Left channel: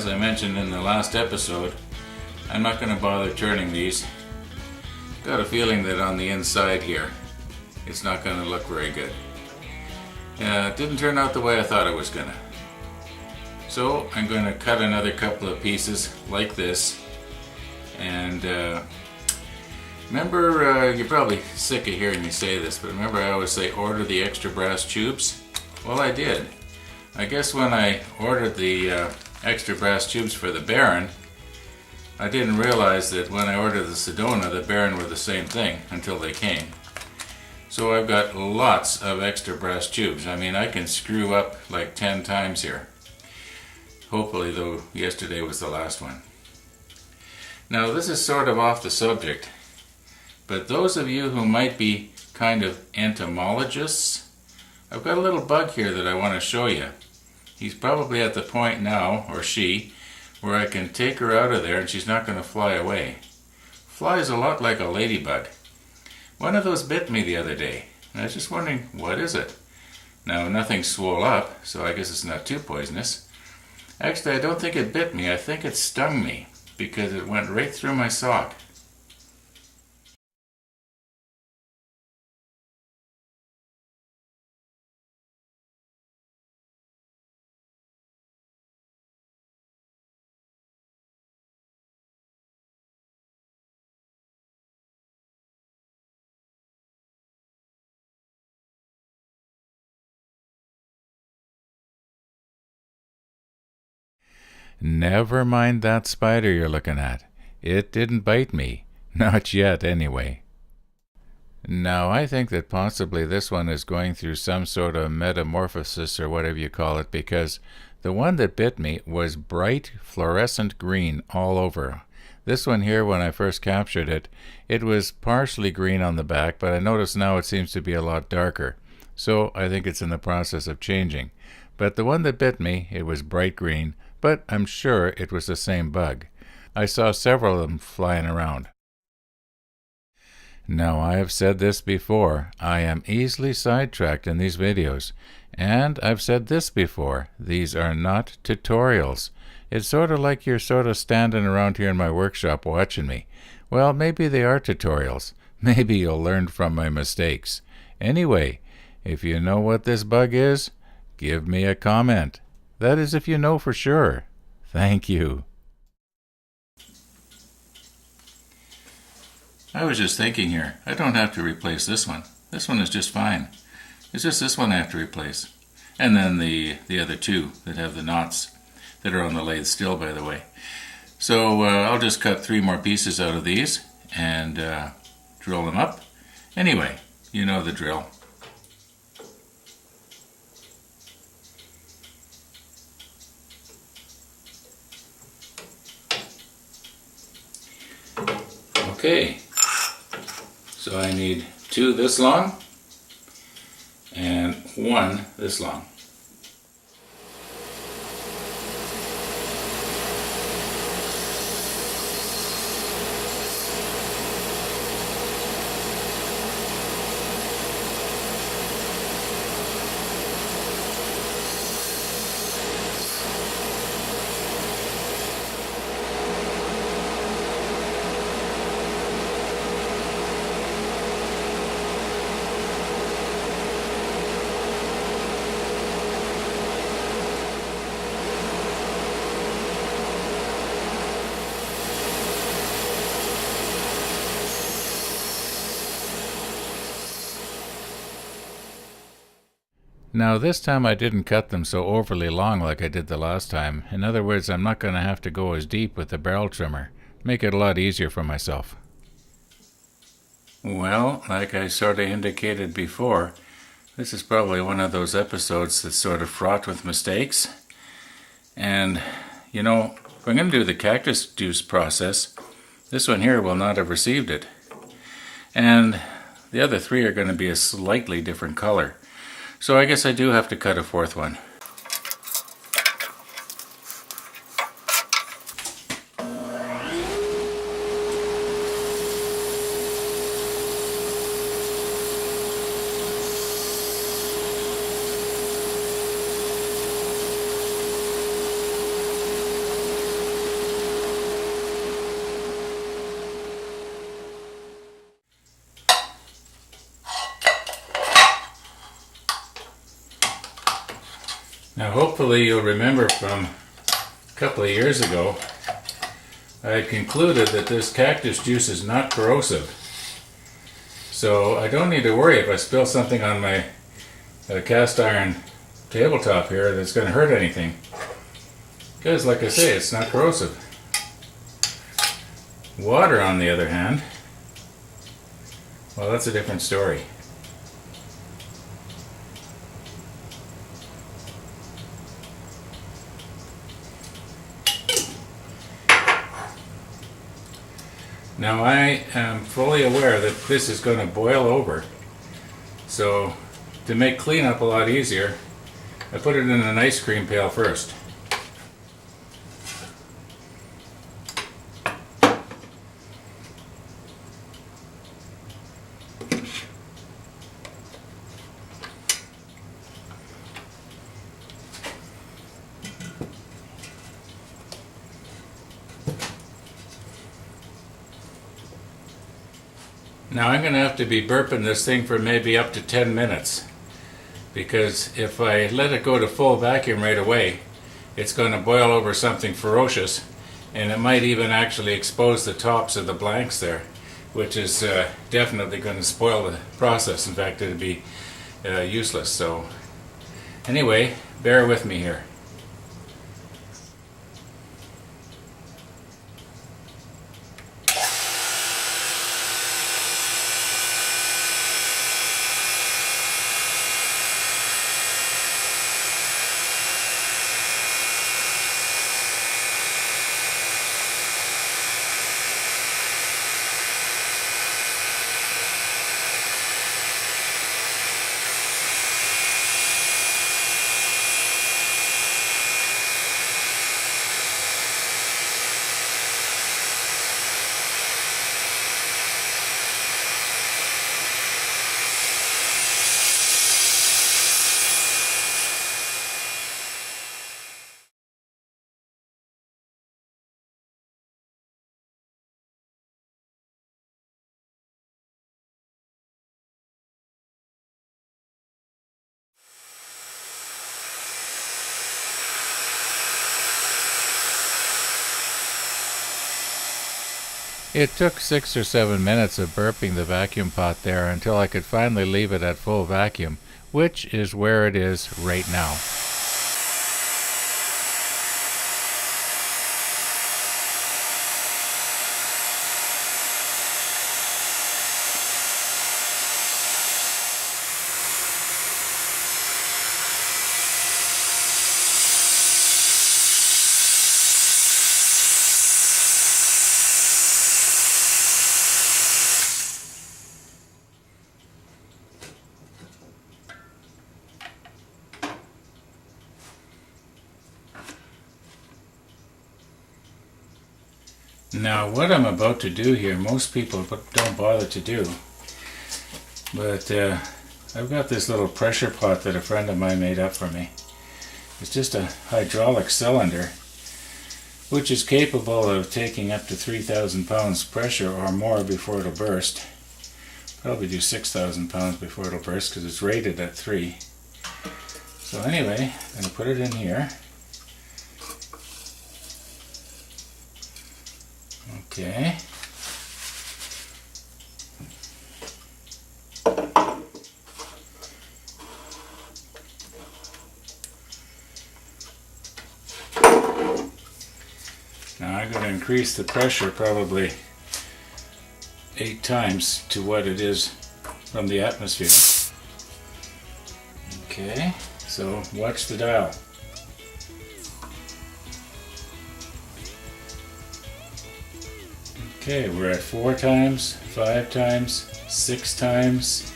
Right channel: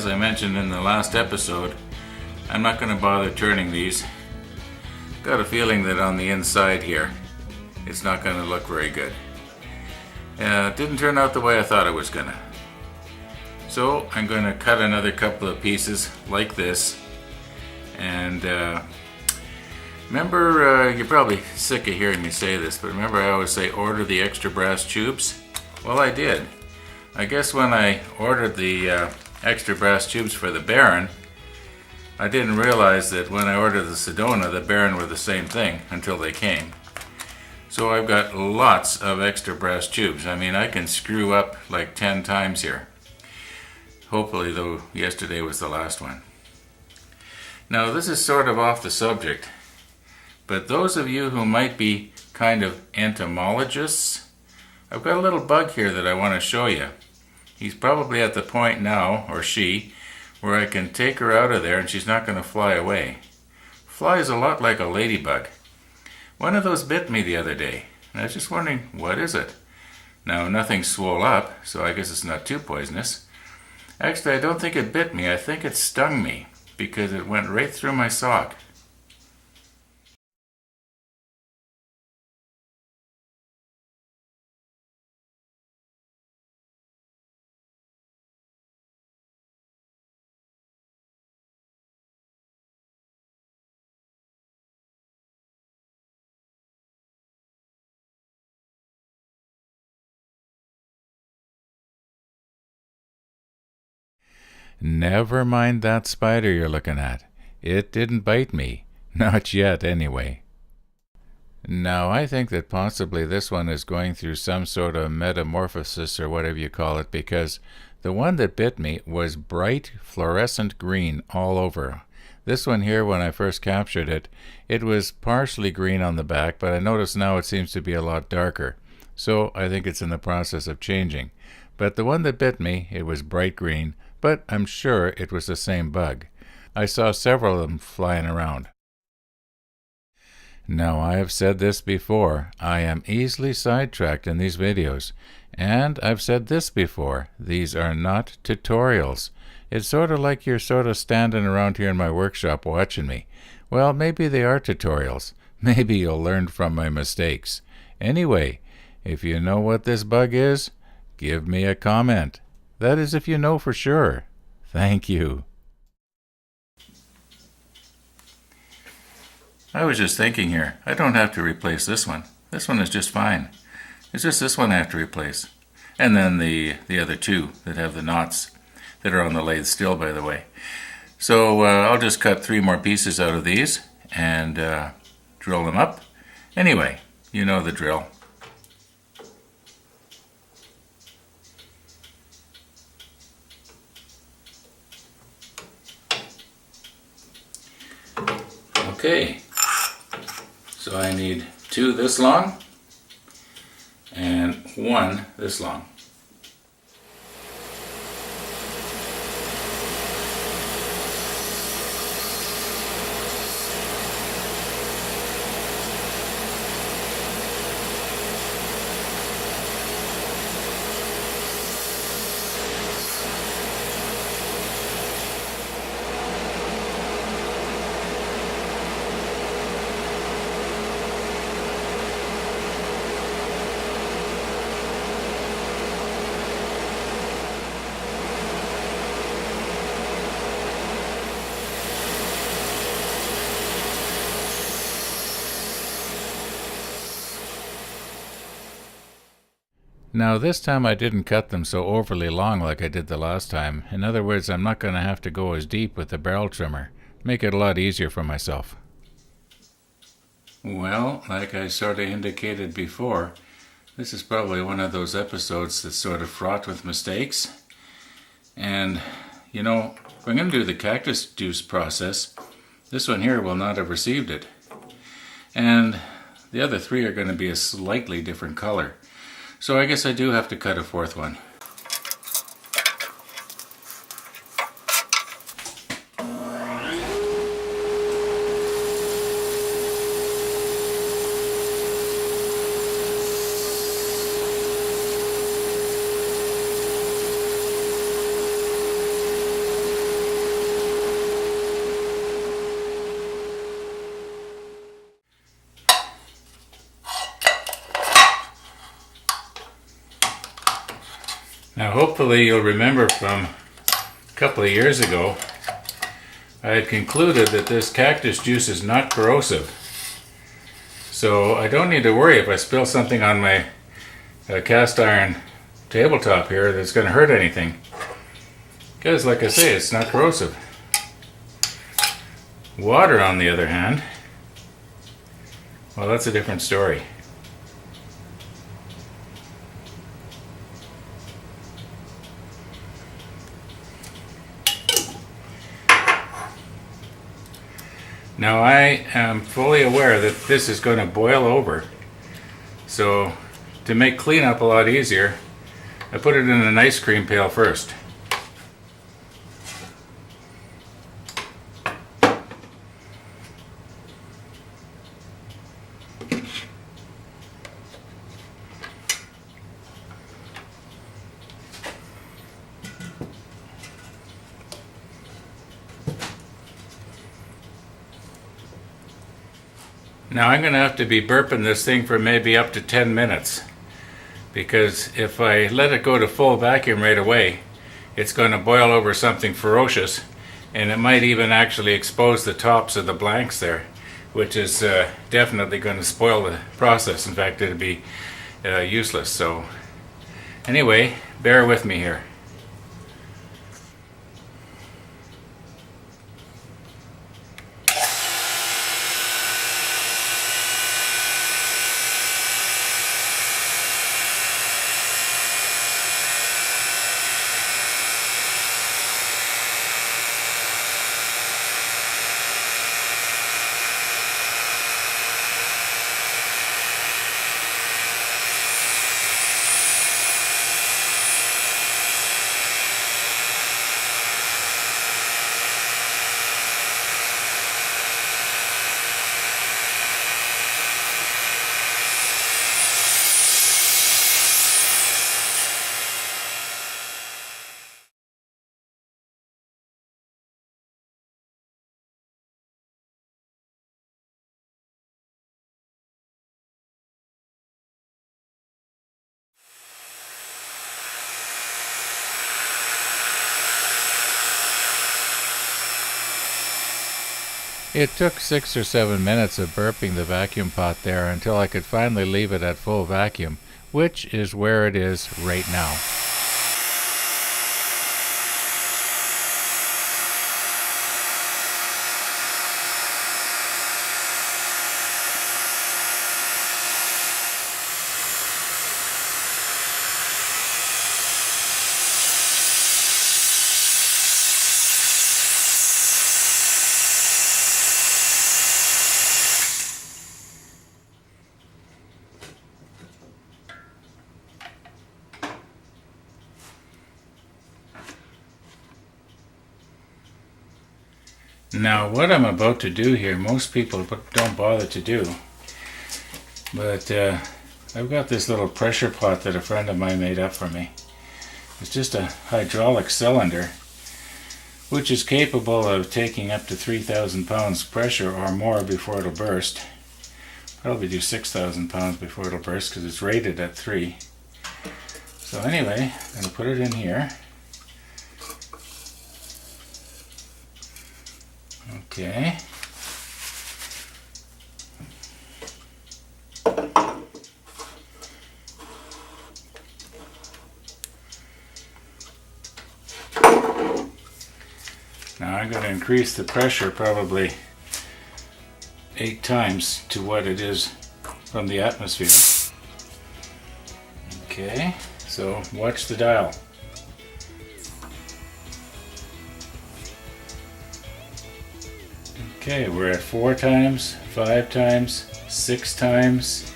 as I mentioned in the last episode, I'm not going to bother turning these. Got a feeling that on the inside here, it's not going to look very good. It didn't turn out the way I thought it was going to. So I'm going to cut another couple of pieces like this. And remember, you're probably sick of hearing me say this, but remember I always say order the extra brass tubes? Well, I did. I guess when I ordered the extra brass tubes for the Baron, I didn't realize that when I ordered the Sedona, the Baron were the same thing until they came. So I've got lots of extra brass tubes. I mean, I can screw up like 10 times here. Hopefully, though, yesterday was the last one. Now, this is sort of off the subject, but those of you who might be kind of entomologists, I've got a little bug here that I want to show you. He's probably at the point now, or she, where I can take her out of there and she's not going to fly away. Flies a lot like a ladybug. One of those bit me the other day, and I was just wondering, what is it? Now, nothing swole up, so I guess it's not too poisonous. Actually, I don't think it bit me. I think it stung me because it went right through my sock. Never mind that spider you're looking at. It didn't bite me. Not yet, anyway. Now, I think that possibly this one is going through some sort of metamorphosis or whatever you call it, because the one that bit me was bright fluorescent green all over. This one here, when I first captured it, it was partially green on the back, but I notice now it seems to be a lot darker. So I think it's in the process of changing. But the one that bit me, it was bright green, but I'm sure it was the same bug. I saw several of them flying around. Now, I have said this before, I am easily sidetracked in these videos, and I've said this before, these are not tutorials. It's sort of like you're sort of standing around here in my workshop watching me. Well, maybe they are tutorials. Maybe you'll learn from my mistakes. Anyway, if you know what this bug is, give me a comment. That is if you know for sure. Thank you. I was just thinking here, I don't have to replace this one. This one is just fine. It's just this one I have to replace. And then the other two that have the knots that are on the lathe still, by the way. So I'll just cut 3 more pieces out of these and drill them up. Anyway, you know the drill. Okay, so I need 2 this long and 1 this long. Now, this time I didn't cut them so overly long like I did the last time. In other words, I'm not going to have to go as deep with the barrel trimmer. Make it a lot easier for myself. Well, like I sort of indicated before, this is probably one of those episodes that's sort of fraught with mistakes. And, you know, if I'm going to do the cactus juice process, this one here will not have received it. And the other 3 are going to be a slightly different color. So I guess I do have to cut a 4th one. Now hopefully you'll remember from a couple of years ago, I had concluded that this cactus juice is not corrosive. So I don't need to worry if I spill something on my cast iron tabletop here that's going to hurt anything. Because like I say, it's not corrosive. Water, on the other hand, well, that's a different story. Now I am fully aware that this is going to boil over, so to make cleanup a lot easier, I put it in an ice cream pail first. Now I'm going to have to be burping this thing for maybe up to 10 minutes, because if I let it go to full vacuum right away, it's going to boil over something ferocious, and it might even actually expose the tops of the blanks there, which is definitely going to spoil the process. In fact, it'd be useless. So anyway, bear with me here. It took 6 or 7 minutes of burping the vacuum pot there until I could finally leave it at full vacuum, which is where it is right now. Now what I'm about to do here, most people don't bother to do, but I've got this little pressure pot that a friend of mine made up for me. It's just a hydraulic cylinder which is capable of taking up to 3,000 pounds pressure or more before it'll burst. Probably do 6,000 pounds before it'll burst because it's rated at 3. So anyway, I'm going to put it in here. Okay. Now I'm going to increase the pressure probably 8 times to what it is from the atmosphere. Okay, so watch the dial. Okay, we're at 4 times, 5 times, 6 times,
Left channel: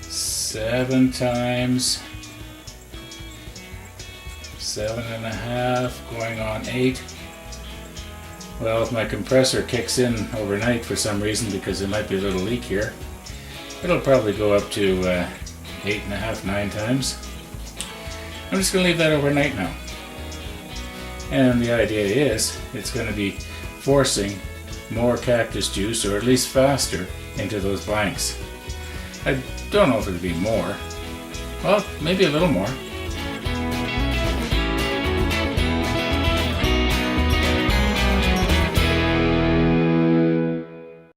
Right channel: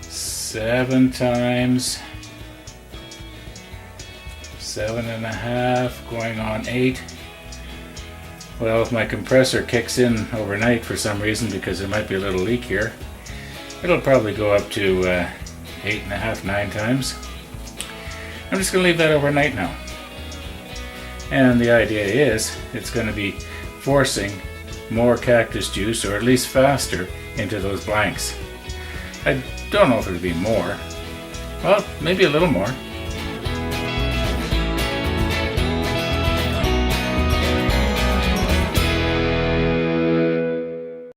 7 times, 7.5, going on 8. Well, if my compressor kicks in overnight for some reason, because there might be a little leak here, it'll probably go up to 8.5, 9 times. I'm just going to leave that overnight now. And the idea is it's going to be forcing more cactus juice, or at least faster, into those blanks. I don't know if it'll be more. Well, maybe a little more.